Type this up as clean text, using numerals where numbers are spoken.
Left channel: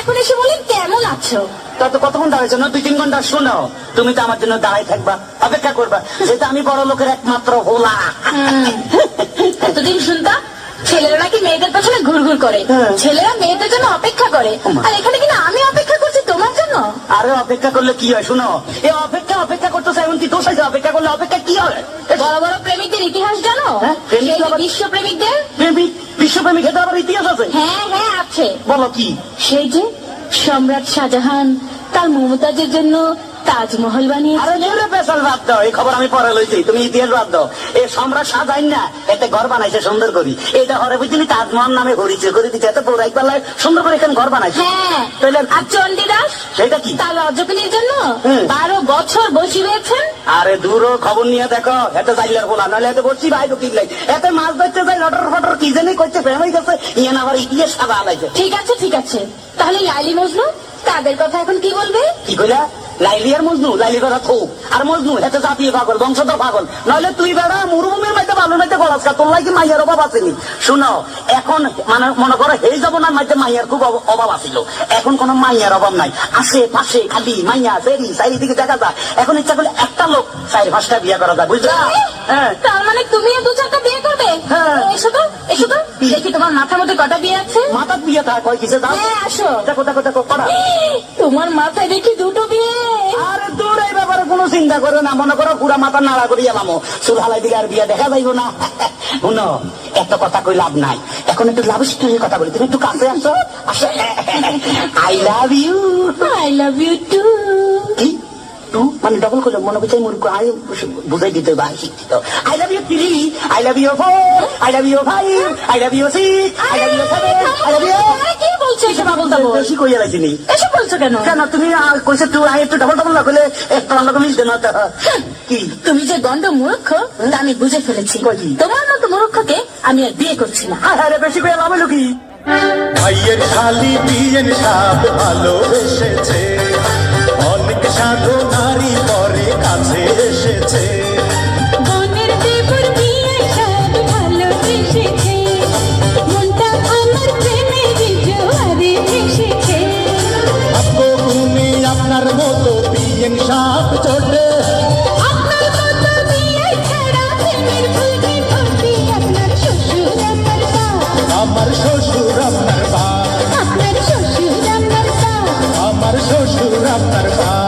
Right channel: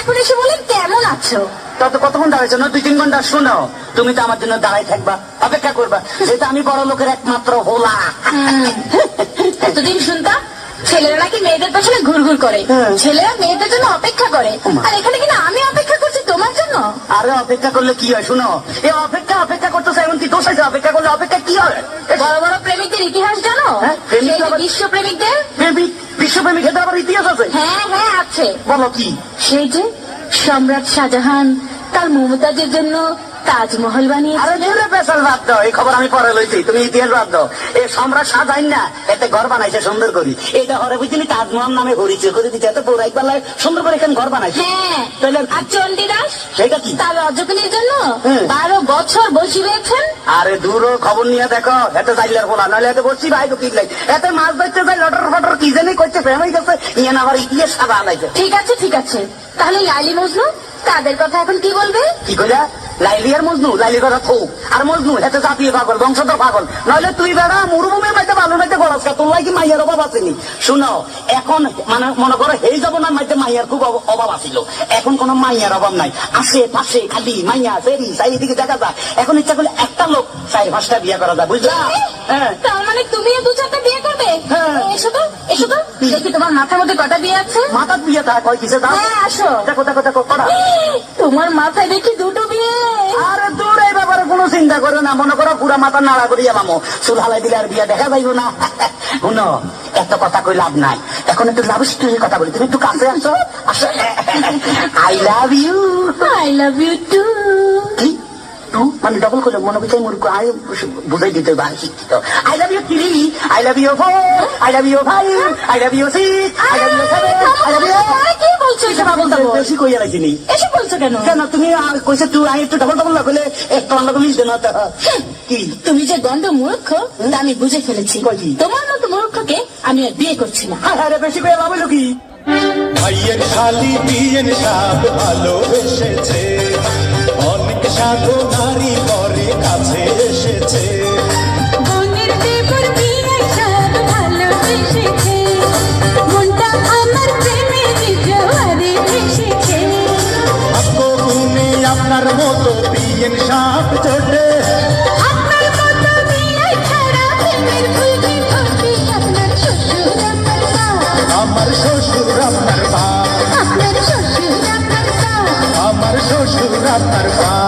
এখন এসে বলেন কেমন আছো? তত কতক্ষণ দাঁড়াইছো না? 2-3 ঘন্টা। শোনো, তুমি তো আমার জন্য দাঁড়াই থাকবা, অপেক্ষা করবা, যেটা আমি বড় লোকের একমাত্র হোলা। এতদিন শুনতাম ছেলেরা নাকি মেয়েদের পেছনে ঘুরঘুর করে, ছেলেরা মেয়েদের জন্য অপেক্ষা করে, আর এখানে কিনা আমি অপেক্ষা করছি তোমার জন্য। আরে অপেক্ষা করলে কি হয়? শোনো, এই অপেক্ষা করতে চাই, এমন কি দোষ আছে? অপেক্ষা করলে অপেক্ষা কি হয়? বড় বড় প্রেমিকদের ইতিহাস জানো? প্রেমিক সেই যে আবার- বিশ্ব প্রেমিকদের। বিশ্বপ্রেমিক এদের আবার ইতিহাস আছে? হ্যাঁ হ্যাঁ আছে। বলো কি? সেই যে সম্রাট শাহজাহান তার মমতাজের জন্য তাজমহল বানিয়েছে। আরে জেলে পেশাল বাদ দাও, এই খবর আমি পরে লইছি, তুমি ইতিহাস বাদ দাও। এই সম্রাট শাহজাহান না এতে ঘর বানাইছে সুন্দর করি, এইটা হরে বুঝলি তাজমহল নামে ঘুরিছে করে দিচ্ছে, এত পৌরাই পাল্লায় সুন্দর করে এখানে ঘর বানাইছে। হ্যাঁ, তাহলে আর চণ্ডীদাস সেটা কি? তার অর্জনের জন্য 12 বছর বসে রয়েছেন। আরে দূর খবর নিয়ে দেখো, এত জাইলার বলা নাহলে এত বসছি ভাই তো কি লাই, এত মাছ ধরতে যাই লটর ফটর কি জানি করছে, ফেমাই গেছে ইয়ে না আবার ইতিহাস সাদা আলাইছে। ঠিক আছে, তাহলে লাইলি মজনু তাদের কথা এখন কি বলবে? কি কইলা? লাইলি আর মজনু? লাইলির কথা থোক, আর মজনু এত জাতীয় পাগল, বংশধর পাগল, নইলে তুই বেড়া মরুভূমির মধ্যে বালু মধ্যে গলাসকা, তোর লাগি মাইয়ার অভাব আসেনি। শুনো, এখন মানে মনে করো এই জমানার মধ্যে মাইয়ার খুব অভাব আছিল, এখন কোন মাইয়ার অভাব নাই, আশেপাশে খালি মাইয়া ফেরি চারিদিকে দেখা যায়। এখন ইচ্ছা করলে একটা লোক 4-5টা বিয়ে করা যায়, বুঝলা? হ্যাঁ, তার মানে তুমি 2-4টা বিয়ে করবে? হ্যাঁ। এসো তো দেখি তোমার মাথার মধ্যে কটা বিয়ে আছে। মাথার বিয়ে থাকে কয় কিসে দাও? হ্যাঁ আসো। দেখো কটা। তোমার মাথায় দেখি 2টো বিয়ে। আরে দূর, এই ব্যাপারে কোনো চিন্তা করো না, মনে করো পুরা মাথা নাড়া করিয়া মামো চুল হালাই দিলে আর বিয়ে দেখা যাইব না। শুনো, এত কথা কই লাভ নাই, এখন একটু লাভ স্টোরির কথা বলি, তুমি একটু কাছে আসো। I love you. I love you too. কি টু মানে ডবল করে মনে বুঝাই মূর্খ, আমি বুঝাই দিতে পারি শিক্ষিত। I love you 3, I love you 4, I love you 5, I love you 6, I love you 7, I love you. কি বলছো এসব আবল তাবল? বেশি কইয়া লাগছিনি এসব বলছো কেন? কেন? তুমি কইছো টু, আমি একটু ডবল না করলে একটা লোক মিলতে না তো। কি তুমি যে গন্ড মূর্খ তা আমি বুঝে ফেলেছি। কই? তোমার মতো মূর্খকে আমি আর বিয়ে করছি না। আরে বেশি কইয়া লাভ হলো কি? ভাইয়ের খালি বিয়ের সাপ ভালোবেসেছে, অনেক সাধু নারী পরে কাছে এসেছে। বোনের দেবর বিয়ে সব ভালোবেসেছে, মনটা আমার প্রেমে জোয়ারে ভেসেছে। গুণে আপনার মতো বিয়ের সাপ চোটে, আপনার মতো বিয়ে ছাড়া প্রেমের ফুলকে ফোটে আপনার শ্বশুর আমার বাপ, আমার শ্বশুর আপনার বাপ, আপনার শ্বশুর আমার বাপ। আমার শ্বশুর আপনার বাপ।